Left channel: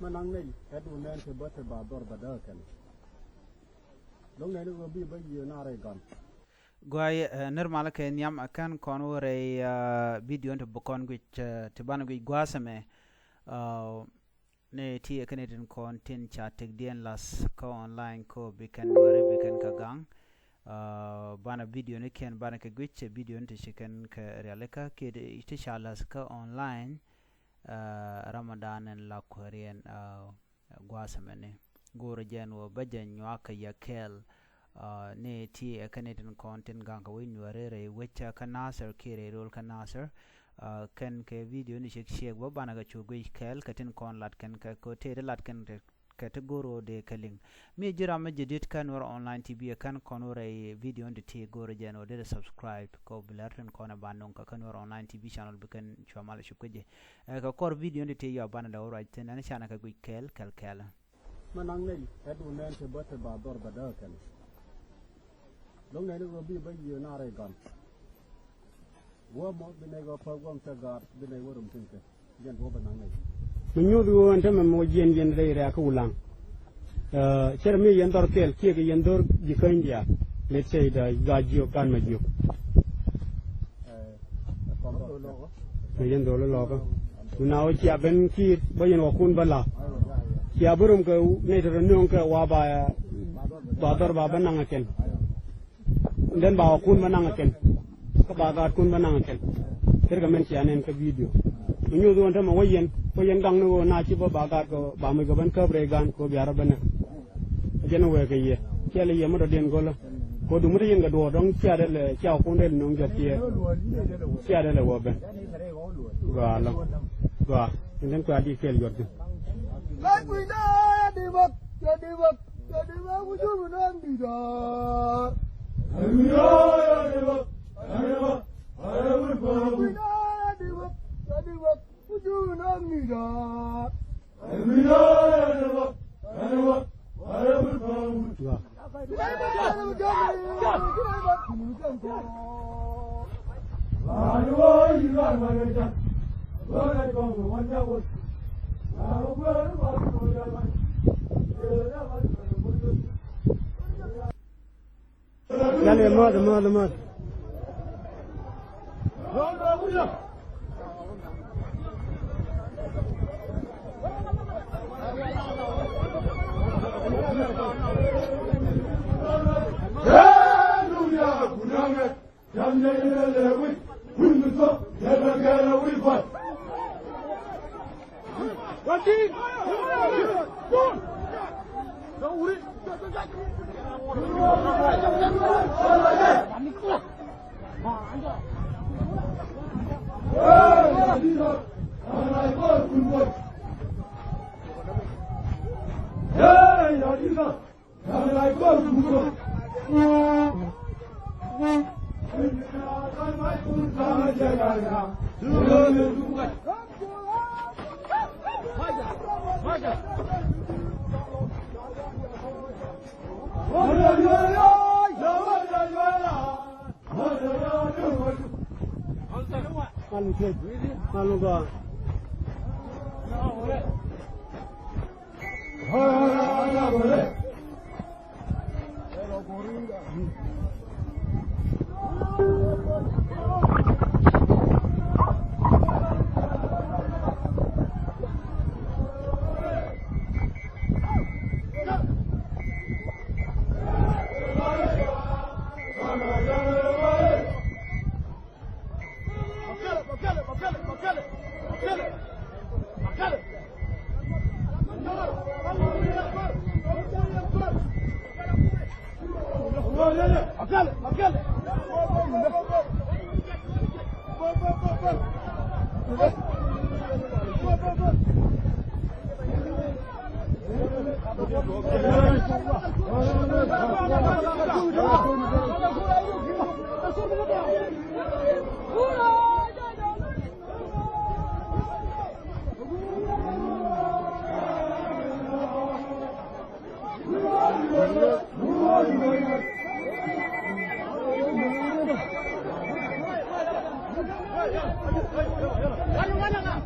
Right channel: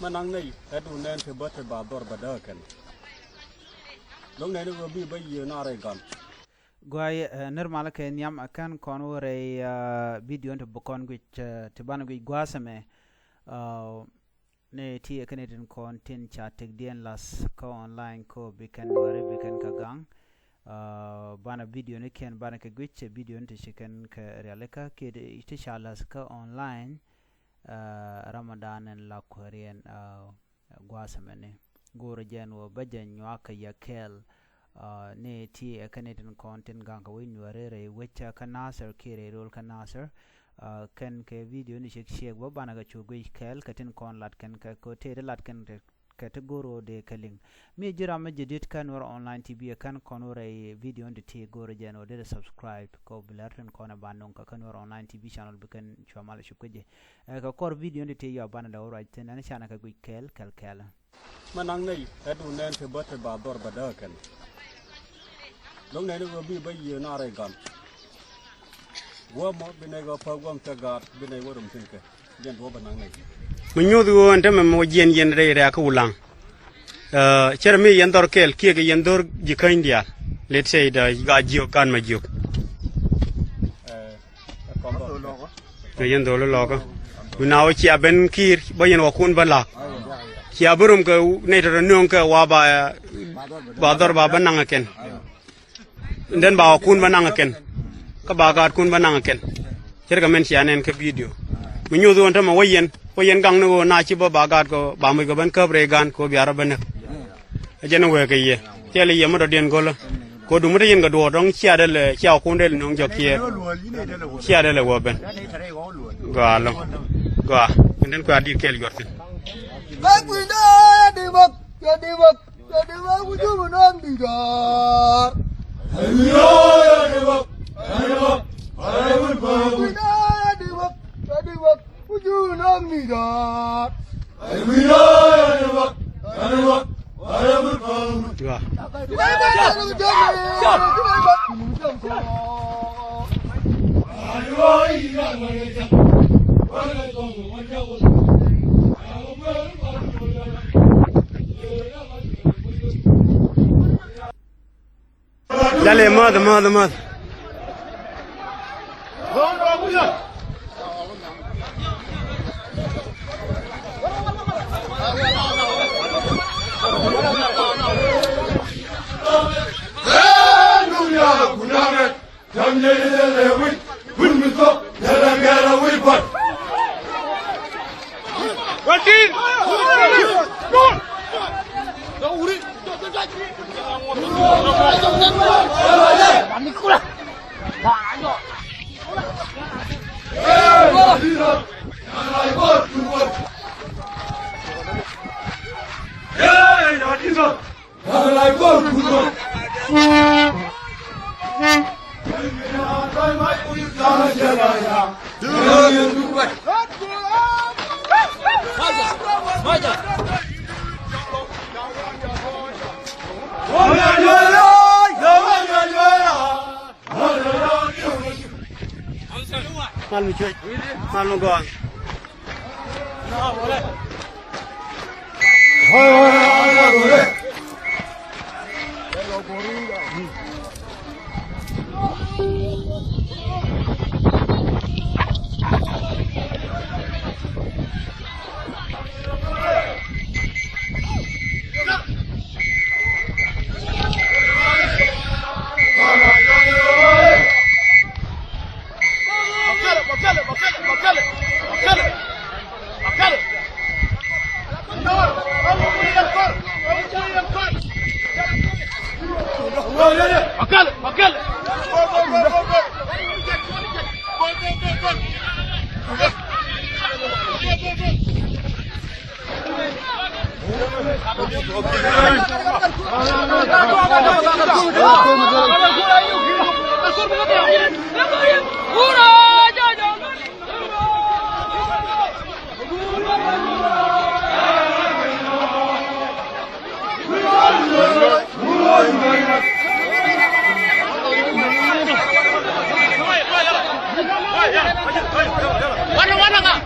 Manang này hết u nên thì bớt thì bà đor bà đỡ cần lúc này nó bị bây giờ nó rồi còn Guy normal ke nyam akan konore video to bokon which tibana which guasame ne ti Canadian content chat dien las ko online ko bikan ware bikan kagang bana video ne ken bana ke which video to chicken ke realeka ke ite shalas ka online Ramadan and la Korean guasame ne goro janwo bajan nyaka yakel ne ti Canadian content ganga win warere wecha kanasar kire rol kanasar kan ke video ni shek bo bana ga chugui kel katin kon lat kan ka ko te lat kan category de kaling mi jira ma jedit kan war online tv kan konore video de te goro jeno de subscribe ko bilarten kona banon ka kan war online tv channel bikan chamal shukuje ka kor video de te ya bana da right ten an chana ka gui kel Manang này hết u nên thì bớt thì bà đor bà đỡ cần lúc này nó bị bây giờ nó rồi còn qua một bên này có phơi quang cho gạt bên này có đồng tiền kìa dân thua bên này mình nhớ từ anh em một dân đây ra cái ulang chơi mi dân đor kel kia cái dân đor jika India let's say the gajio kan majio cái dân đor lo có nào chia bên kia bây giờ nó kun bên lạc chia bơm cái này rồi nương cái wa ba đor ba bên năng ken dan ba kun banang ken ka bagat kun banang ken cerga men sianen ka video mi nyodo on tama wayen gang no na ci ba bagat ko ba muy ko ban ka bregan ko biara ban ajena we ka ye tele ye mo do den golo ko du mo yen ga do dong cia del cia ko del nong jokie cia del wo ben galo ga den ko adi kel yortin ba ku da di bak ku ju mo nam di da Dale, mad. Malu cuy, malu gong. Warna-warna, Kak.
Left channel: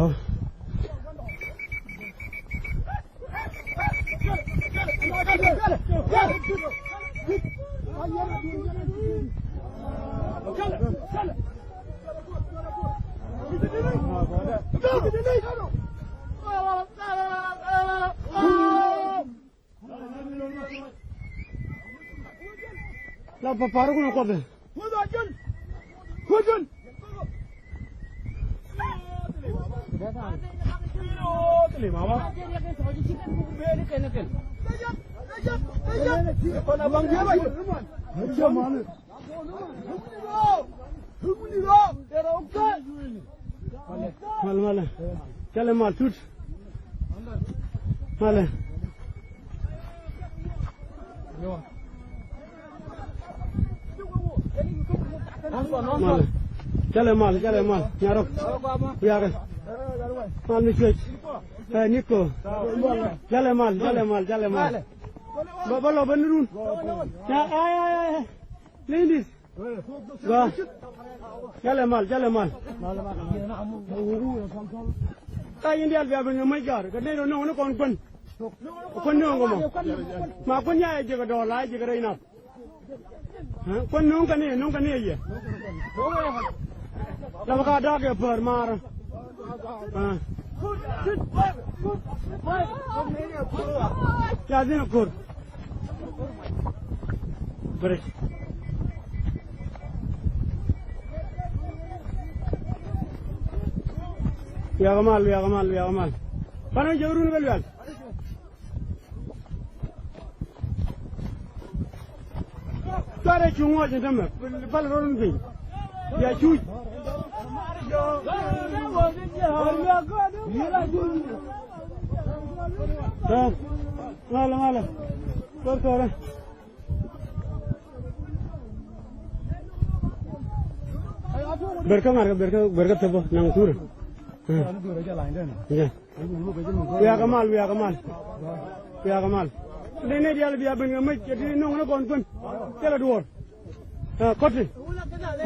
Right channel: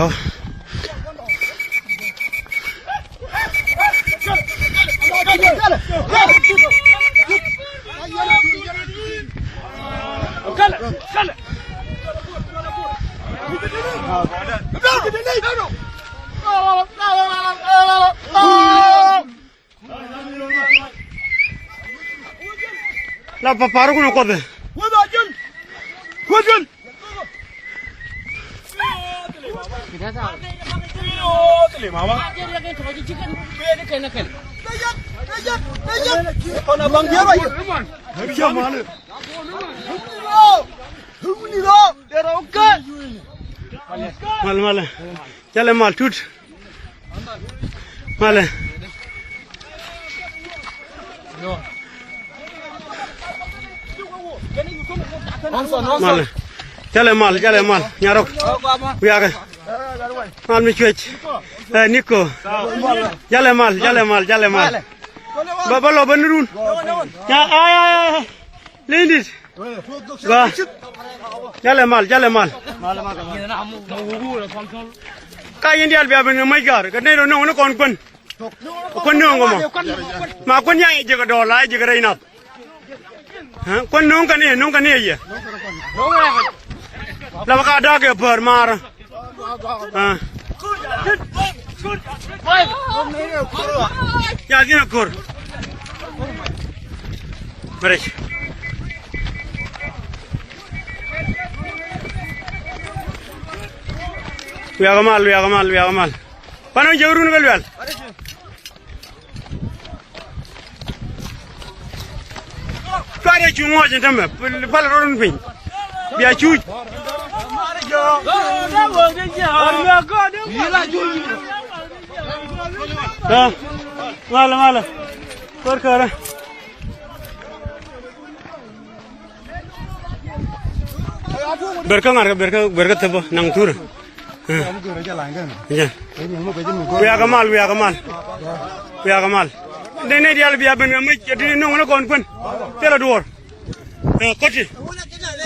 Oh. La paparu kuno kobe. Wajun. Mal chale mal tut mal mal chale mal nyarok wiaga mal mi chuech Nico chale mal baba lo banurun ya ay lindit wa chale mal kay indial bi abin may gar ka ne no no kon no ngomo ma kon ya je ga dola je ga reina ha kon no kan ne ye la ka da ke par mar ha ya dina kur break wiaga mal pano jawrun wel kare chungo jentame pal ron pin biya chuj mala kor kara berka tebo nang tur wiaga mal ne dial biya ben ngamai jadi nong na kon pun tela dor koti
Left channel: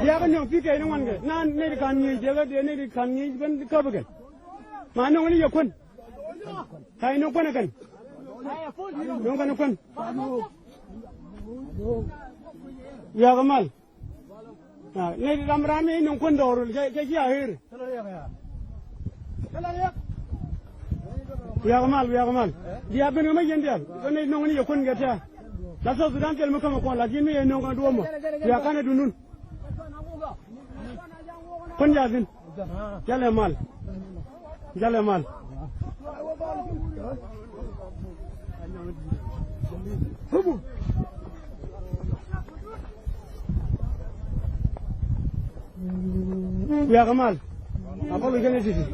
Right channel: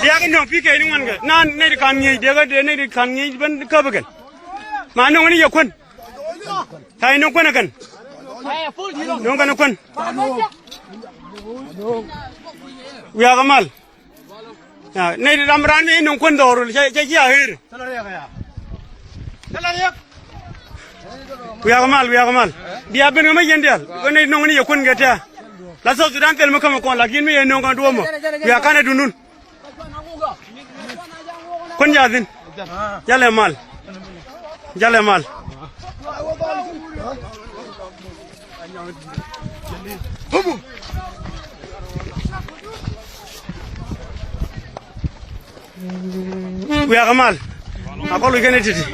dia kan nong pike ni man ga nan ne kan ngi dia ga ne kan ngi ben ka bagan ma nong ni yakun tai nong kon kan nong kan kon wiaga mal ya ne ramran ni nong kon dor ja ja hir wiaga mal dia ben ngamai yendial ne nong ni yakun ga ta la so sudan tel makam ko la gin mi en nong kan duomo ya kana dunun kon jadin jale mal wiaga mal akolu gene titi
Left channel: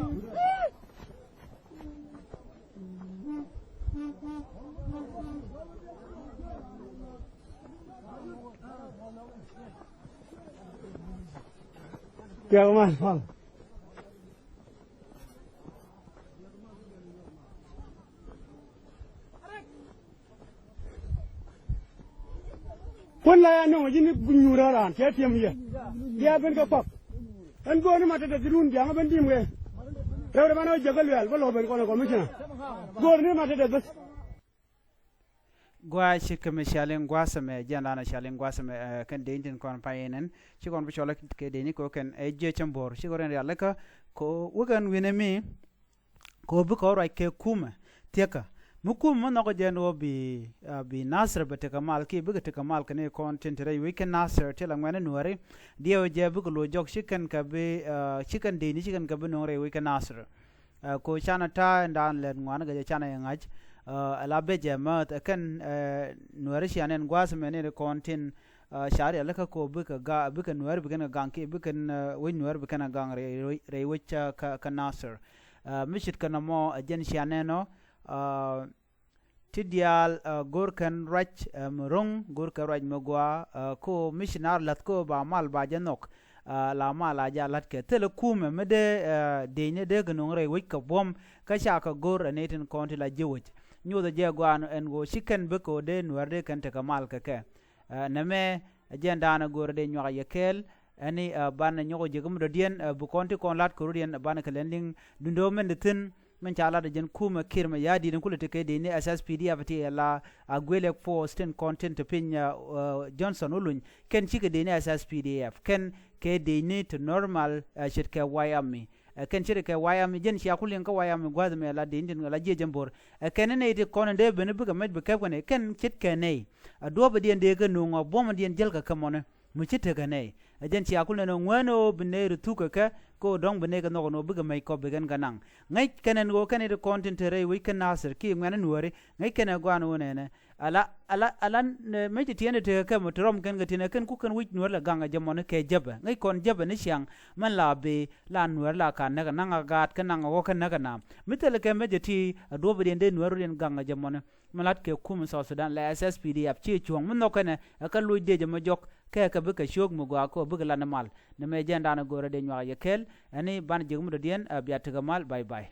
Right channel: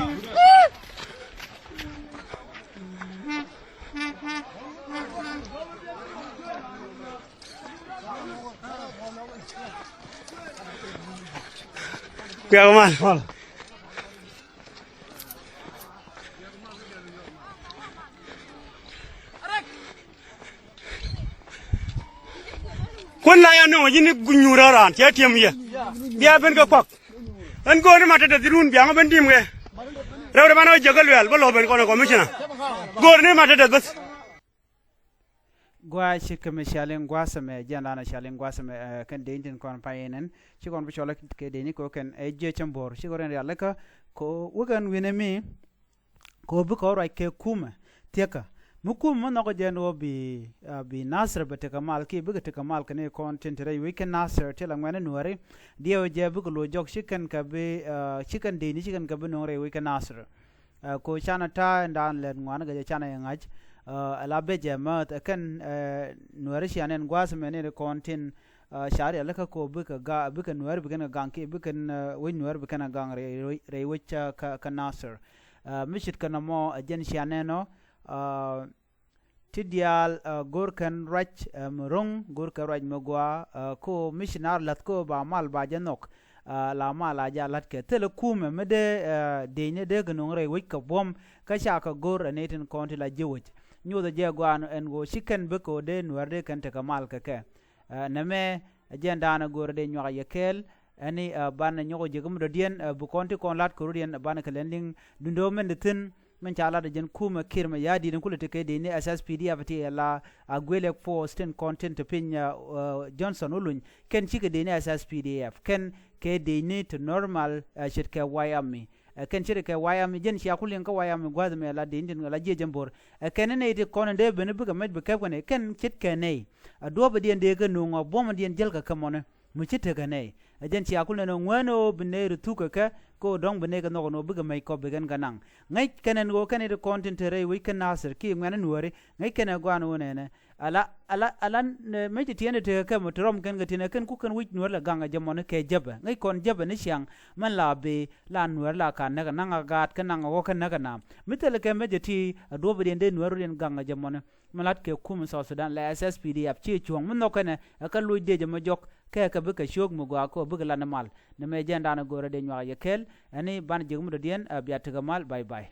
Kuya mal. Kun la ya no yini gunyura ran ya tiam ya. Dia ben ka kwak. An go ni mata da dirun biang ben dim ge. Rew bano jagal wel balo ben ko commissioner. Go ni mata da bas. Gwa shikame shalen gwasame jana shalen gwasame kan deintin kon payenen ci kon bu chola ke deni ko kan e je chambor ci goren yalla ka ko wagan winemi ko bu ko ray ke kuma teka mukum mo ko jeno bi nasr bete kamal ki bu te kamal kane content ray we kan nasr tela ngane nuare dio je bu ko lo jok shikan ka be shikan deni shikan ka bu no ray we kan nasr ko chana ta ndan len ngwana ga chana ngaj ala beje ma kan nuare shanen gwas menen kontin shari alaka ko buka ga buka nuare buka ganki buka we nuare buka gang re wicha ka nasr mishit kana mo jen shaneno tidial gorkan rach murung gorka raj magwa ko missionar lat ko ba mal ba janok la mala ja lat ke telekume mede de de gnong re wika bom ka sha ka gor anetin konti la jewit nyoda je gwan en go shiken be ko de nuarde kan te kamal ka ke name agenda na gor de nyoga yekel ani ban nyogo je gum do dien bu konti kon lat ko dien ban ka lending dundo men de tin men chala de jen kuma kirma yadi den kulete ke de ni SSPD avati la agwele for sten content pin Johnson ulun ken chike de ni SSPDF ken ke de ni to normal shit ke wayami ken chire ke wayami jen shi akulin ka wayami gwad me la de indin la je jambor ken ne de kon de ben buga med be ke ken chit ke ne do be de ke no ngo bom de jel ka kamone mu chite ke ne jen shi akulin no ngwano bne rutu ka ko dong bene ga no buga mai ko begen ganang ngai kenen go kenen de content re we ken nasir ki ngana nuore ngai ken go anu ne ala me ti tiene te ka motrom ken ga tine ken ku ken wit nuor la ganga jamone ke jaba ngai kon jaba ne siang man la be la nuor la kan na nga gat ken nga go ken na na mitel ke me ti do be de nuor den ganga jamone malat ke kum so Sudan la SSPD ap chi chuang mun no ken ka lu de jama jok ke ka be ka shog mu go ko be la na mal ne me jenda na gore de nyaa yekel ani ban jigum do dien biat ga mal bye bye